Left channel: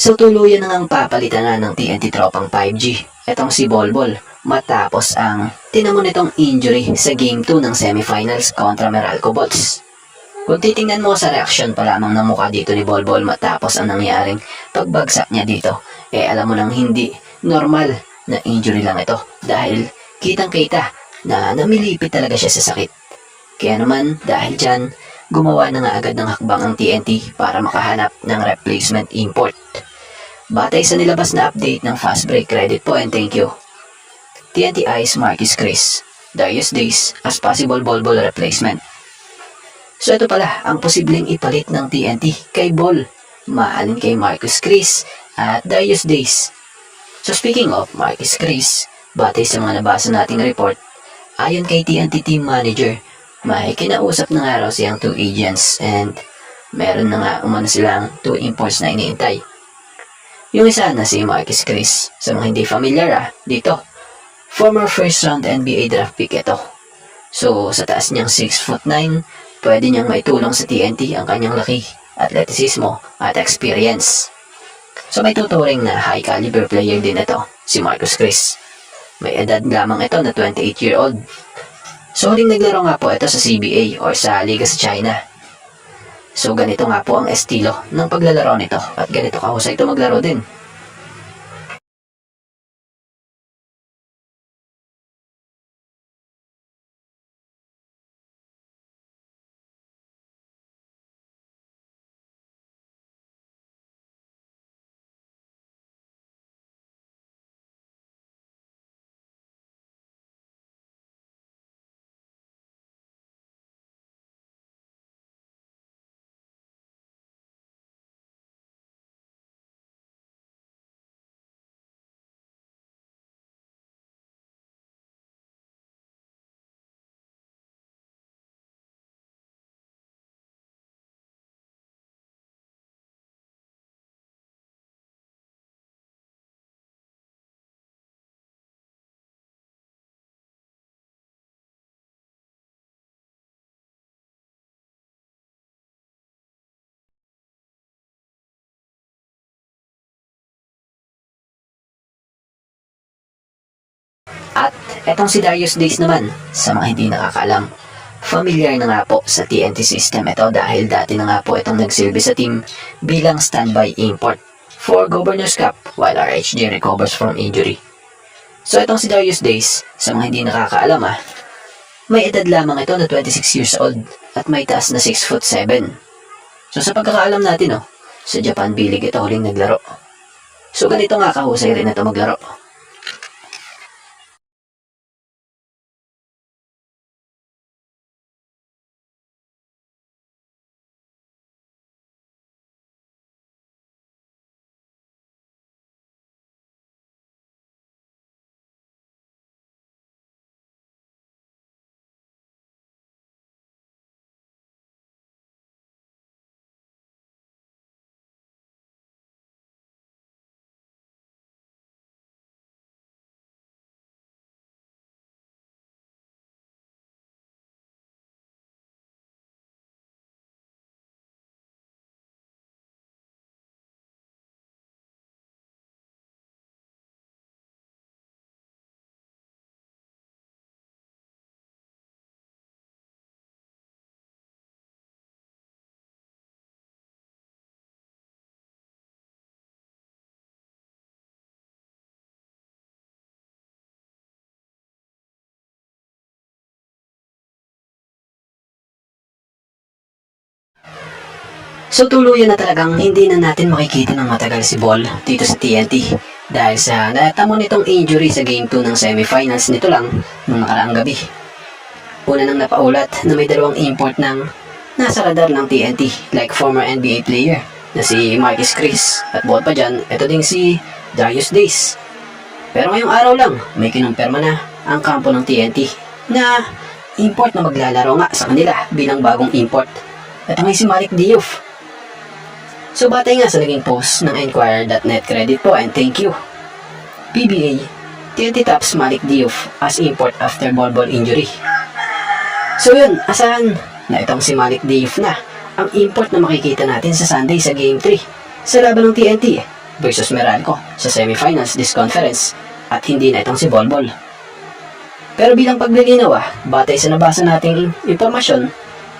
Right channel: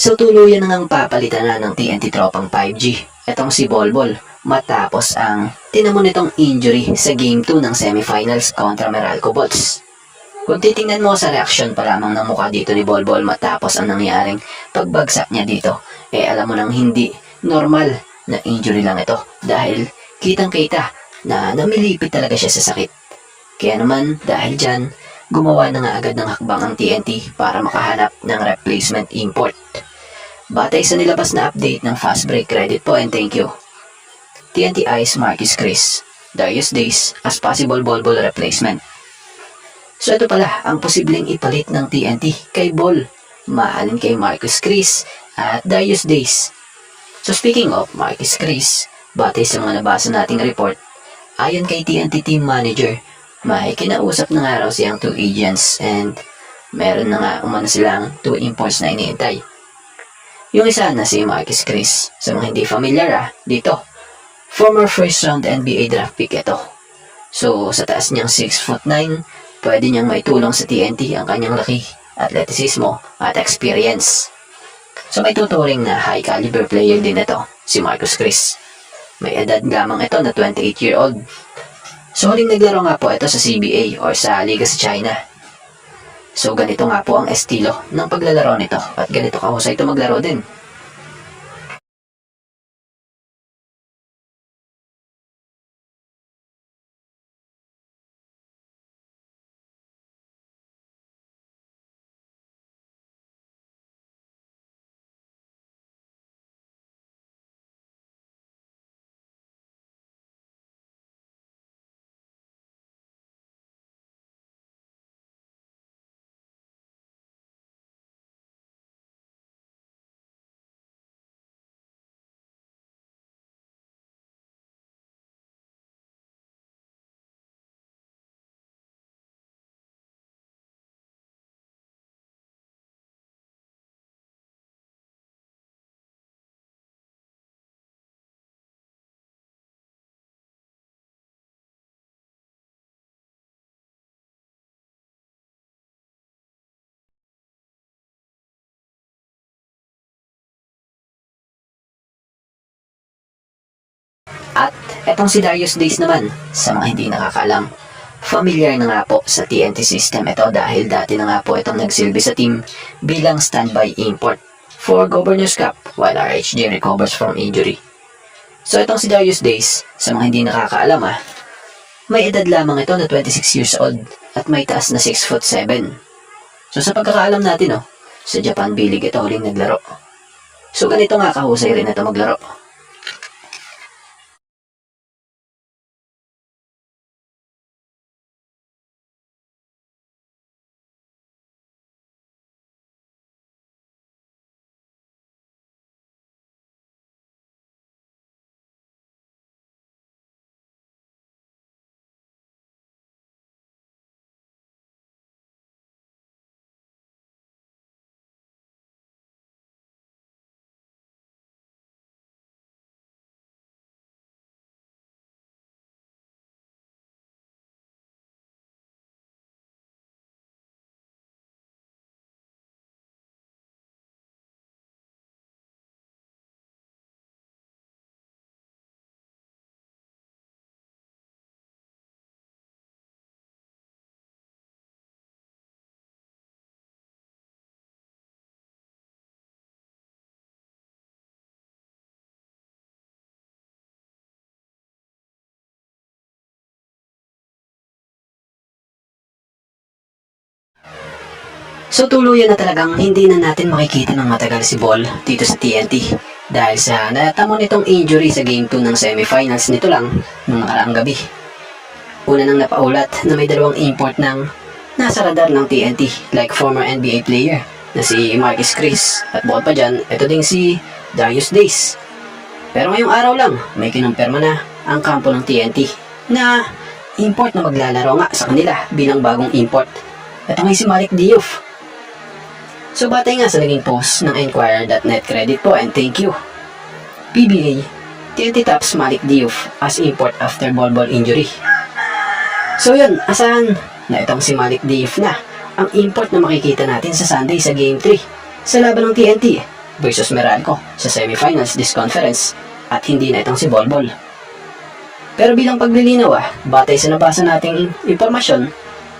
So tuluyan na ngang papalitan na ng TNT tropang 5G etong si Bolbol matapos ang tinamo nitong injury sa Game 2 ng semifinals kontra Meralco Bolts. Kung titingnan mo sa reaksyon pa lamang ng mukha dito ni Bolbol matapos ang nangyaring pagbagsak niya dito, alam mo nang hindi normal na injury lang ito dahil kitang-kita na namilipit talaga siya sa sakit. Kaya naman dahil dyan, gumawa na nga agad ng hakbang ang TNT para makahanap ng replacement import. Batay sa nilabas na update ng Fast Break, credit po and thank you. TNT eyes Marquis Chris, Darius Days as possible Bolbol replacement. So ito pala ang posibleng ipalit ng TNT kay Bol, maalin kay Marquis Chris at Darius Days. So speaking of Marquis Chris, batay sa mga nabasa nating report, ayon kay TNT team manager, may kinausap na nga raw siyang 2 agents and meron na nga umano silang 2 imports na iniintay. Yung isa na si Marquis Chris, sa mga hindi familiar dito, former first round NBA draft pick ito. So sa taas niyang 6'9", pwede niyang maitulong sa TNT ang kanyang laki, atletisismo at experience. So may tuturing na high caliber player din ito, si Marquis Chris. May edad lamang ito na 28-year-old. So huling naglaro nga po ito sa CBA or sa Liga sa China. So ganito nga po ang estilo ng paglalaro nito at ganito kahusay ito maglaro din. At etong si Darius Days naman, sa mga hindi nakakaalam, familiar na nga po sa TNT system ito dahil dati na nga po itong nagsilbi sa team bilang standby import for Governor's Cup while RHG recovers from injury. So itong si Darius Days, sa mga hindi nakakaalam may edad lamang ito na 26 years old at may taas na 6'7". So sa pagkakaalam natin sa Japan B-League ito huling naglaro. So ganito nga kahusay rin ito maglaro. So tuluyan na talagang hindi na natin makikita ng matagal si Bol dito sa TNT dahil sa natamo nitong injury sa Game 2 ng semifinals nito lang nung nakaraang gabi. Una nang napaulat na may dalawang import ng nasa radar ng TNT like former NBA player na si Marquis Chris at Bol pa dyan, ito ding si Darius Days. Pero ngayong araw lang may kinumpirma na ang kampo ng TNT na import na maglalaro nga sa kanila bilang bagong import. Ito nga si Malik Diouf. So batay nga sa naging post ng Enquirer.net, credit po and thank you. PBA, TNT taps Malik Diouf as import after Bolbol injury. So yun, asahan na itong si Malik Diouf na ang import na makikita natin sa Sunday sa Game 3 sa laban ng TNT versus Meralco sa semifinals this conference at hindi na itong si Bolbol. Pero bilang paglilinaw batay sa nabasa nating impormasyon,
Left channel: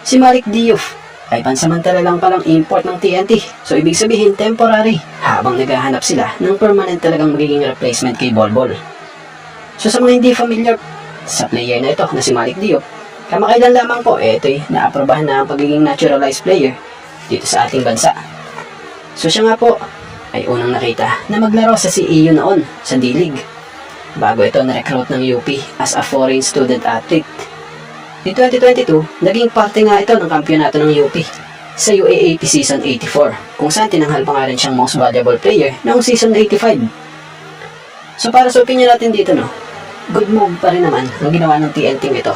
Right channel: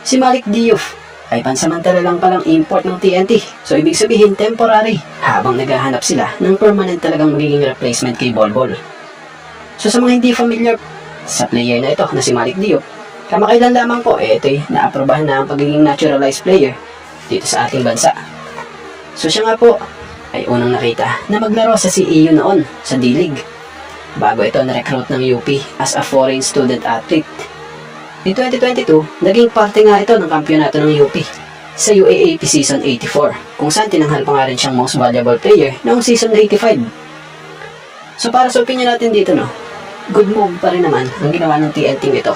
si Malik Diouf ay pansamantala lang palang import ng TNT. So ibig sabihin temporary habang naghahanap sila ng permanent talagang magiging replacement kay Bolbol. So sa mga hindi familiar sa player na ito na si Malik Diouf, kamakailan lamang po ito'y naaprobahan na ang pagiging naturalized player dito sa ating bansa. So siya nga po ay unang nakita na maglaro sa CEU noon sa D-League bago ito na-recruit ng UP as a foreign student athlete. In 2022, naging parte nga ito ng kampyonato ng UP sa UAAP Season 84 kung saan tinanghal pa nga rin siyang most valuable player noong Season 85. So para sa opinion natin dito good move pa rin naman ang ginawa ng TNT ito.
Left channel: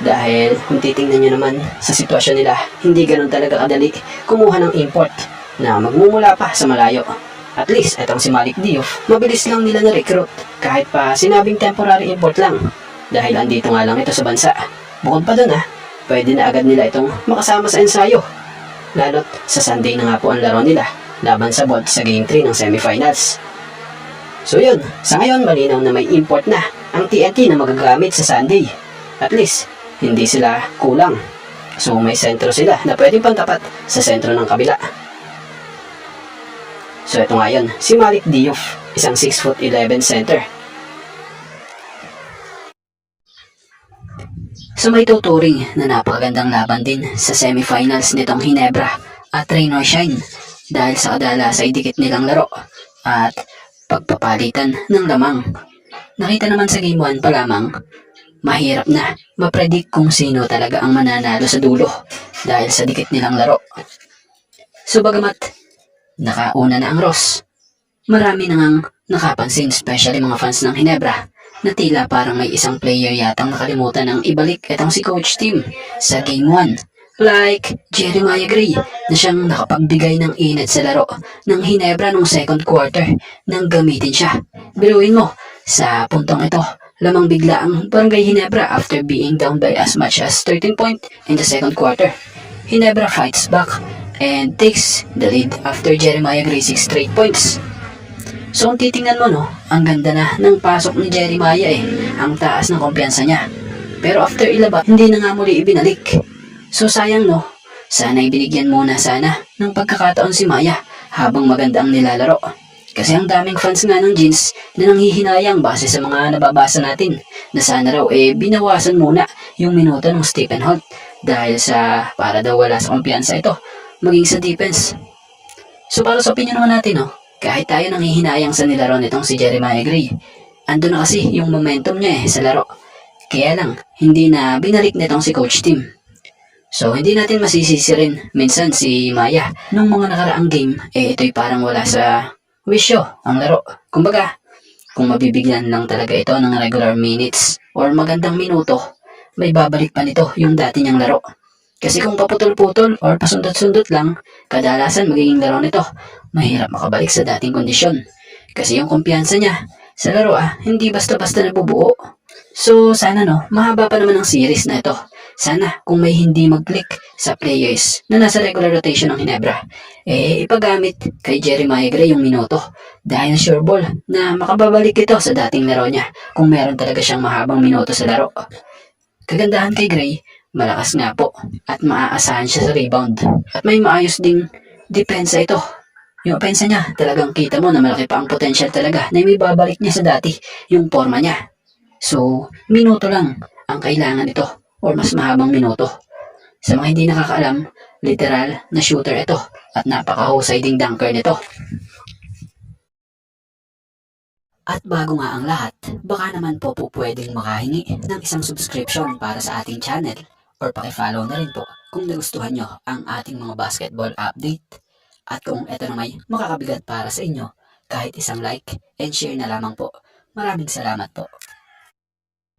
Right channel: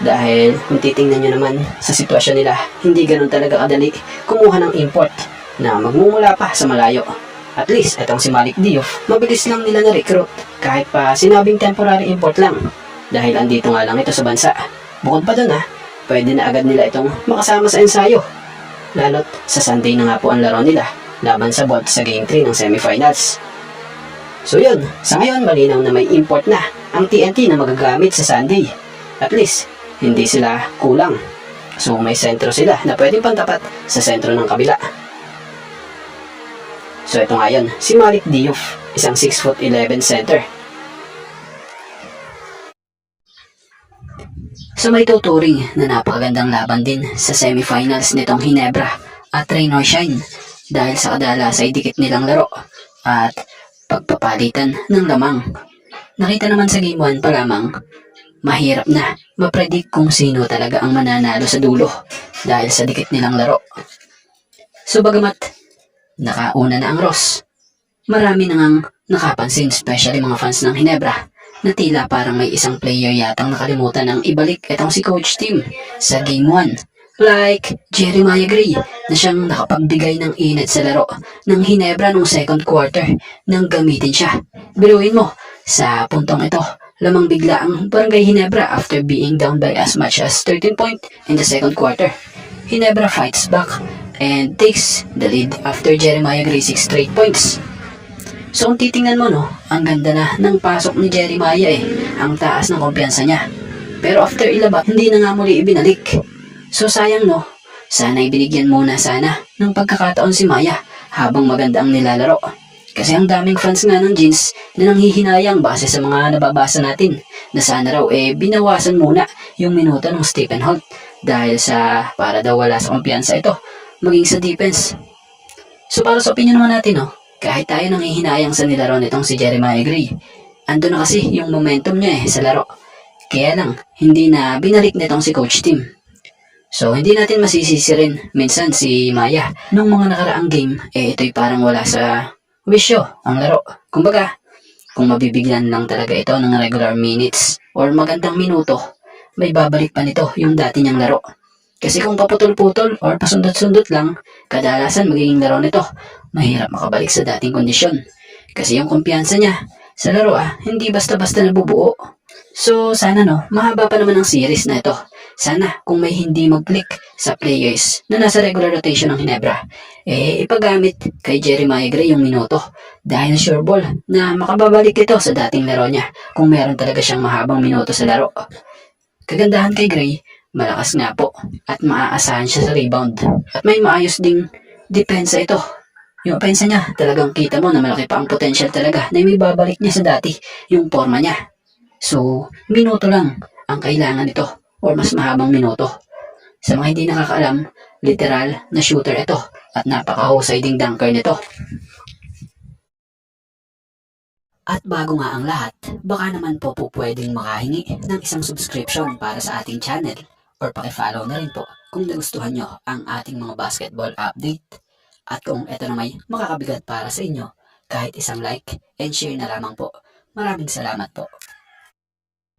Dahil kung titingnan nyo naman sa sitwasyon nila, hindi ganun talaga kadali kumuha ng import na magmumula pa sa malayo. At least, etong si Malik Diouf, mabilis lang nila na-recruit kahit pa sinabing temporary import lang. Dahil andito nga lang ito sa bansa. Bukod pa dun pwede na agad nila itong makasama sa ensayo. Lalo't sa Sunday na nga po ang laro nila laban sa Bolt sa Game 3 ng semifinals. So yun, sa ngayon malinaw na may import na ang TNT na magagamit sa Sunday. At least, hindi sila kulang. So may sentro sila na pwedeng pantapat sa sentro ng kabila. So ito nga yun, si Malik Diouf, isang 6'11" center. So may tuturing na napakagandang laban din sa semifinals nitong Hinebra at Rain or Shine dahil sa kadalas ay dikit nilang laro at pagpapalitan ng lamang. Nakita naman sa Game 1 pa lamang, mahirap na ma-predict kung sino talaga ang mananalo sa dulo dahil sa dikit nilang laro. So bagamat nakauna na ang Ross, marami nang nakapansin, especially mga fans ng Hinebra, na tila parang may isang player yatang nakalimutan ng ibalik itong si Coach Tim sa Game 1. Like Jeremiah Gray na siyang nakapagbigay ng init sa laro ng Hinebra nung second quarter nang gamitin siya. Biruin mo, sa puntong ito, lamang bigla ang Barangay Hinebra after being down by as much as 13 points in the second quarter. Hinebra fights back and takes the lead after Jeremiah Gray 6 straight points. So kung titingnan mo ang ganda na ng pasok ni Jeremiah ang taas ng kumpiyansa niya. Pero after ilaba, hindi na nga muli ibinalik. So sayang sana ibinigyan muna sana ng pagkakataon si Maya habang maganda ang nilalaro. Kasi ang daming fans nga ng Jeans na nanghihinayang base sa mga nababasa natin na sana raw binawasan muna yung minuto ng Stephen Holt dahil sa para daw wala sa kumpiyansa ito maging sa defense. So para sa opinion naman natin kahit tayo nanghihinayang sa nilaro nitong si Jeremiah Gray, ando na kasi yung momentum niya sa laro. Kaya lang, hindi na binalik nitong si Coach Tim. So, hindi natin masisisi rin minsan si Maya. Nung mga nakaraang game, ito'y parang wala sa wisyo ang laro. Kumbaga, kung mabibigyan lang talaga ito ng regular minutes or magandang minuto, may babalik pa nito yung dati niyang laro. Kasi kung paputol-putol or pasundot-sundot lang, kadalasan magiging laro nito, mahirap makabalik sa dating kondisyon. Kasi yung kumpiyansa niya sa laro hindi basta-basta nabubuo. So sana mahaba pa naman ang series na ito. Sana kung may hindi mag-click sa players na nasa regular rotation ng Hinebra, ipagamit kay Jeremiah Gray yung minuto. Dahil sure ball na makababalik ito sa dating laro niya kung meron talaga siyang mahabang minuto sa laro. Kagandahan kay Gray, malakas nga po at maaasahan siya sa rebound. At may maayos ding depensa ito. Yung opensa niya, talagang kita mo na malaki pa ang potential talaga na may babalik niya sa dati yung forma niya. So, minuto lang ang kailangan nito or mas mahabang minuto. Sa mga hindi nakakaalam, literal na shooter ito at napakahusay ding dunker nito. At bago nga ang lahat, baka naman po pwedeng makahingi ng isang subscription para sa ating channel or paki-follow na rin po kung nagustuhan nyo ang ating mga basketball update. At kung ito na may makakabigat para sa inyo, kahit isang like and share na lamang po. Maraming salamat po.